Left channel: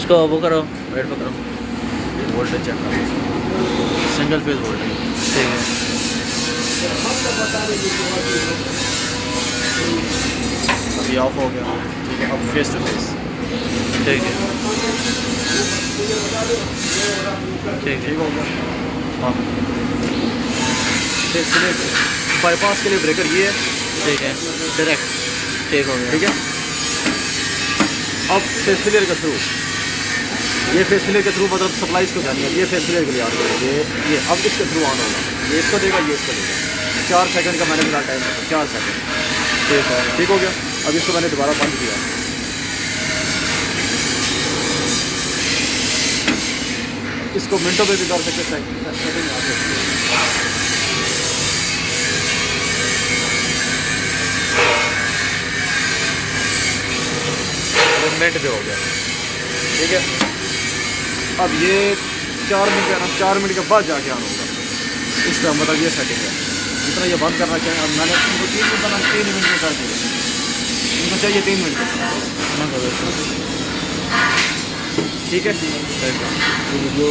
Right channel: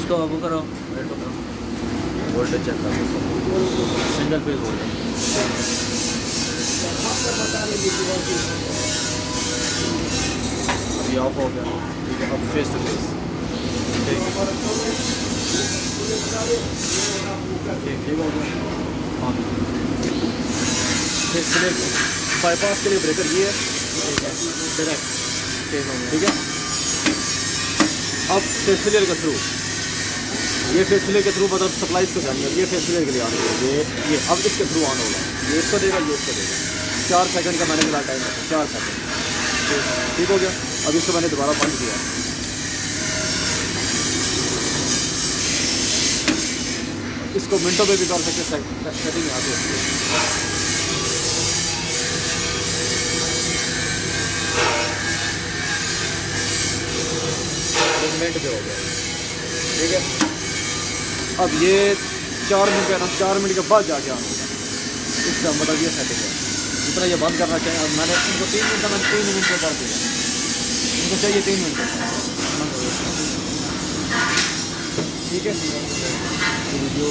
इसको वो करो। वेट करो, वोल्टेज चेक कर लो, सिंगल फेज वोल्टेज। ठीक है। अभी ऑफ हो गया, ठीक है। अब फेस टू फेस, ठीक है। ठीक ठीक हो गया। हाँ फेस के लिए बाईपास के लिए ब्रेकर ये है, ठीक है। डायरेक्ट, ठीक हो गया। ठीक है। अब फेस फिलियर के थ्रू, ये फेस फिलियर के थ्रू मतलब सप्लाई इसको जानी है। ये फेस फिलियर के लिए ऑन करें, ये अब इसके थ्रू ऑन होगा। ये इसको देगा, ये इसको देगा। 4 सेकंड का मैंने फिलहाल टाइम रखा, 4 सेकंड। ठीक है। ठीक हो गया। अब इसको मैंने दोबारा बंद किया, इसको मिनटों में भी कर सकते, सेटिंग यहाँ पे होती है। मिनट पे हो गया, ठीक है। अब ये 4 मिनट है ना, 4 मिनट के बाद जाके ऑन होगा। इस तरह मतलब ये सेटिंग है। जितना ये बंद करना चाहिए, अब मैंने इनको 3 मिनट का 3 मिनट में कर दिया। इनको चाहिए 3 मिनट का, ठीक है। ये वीडियो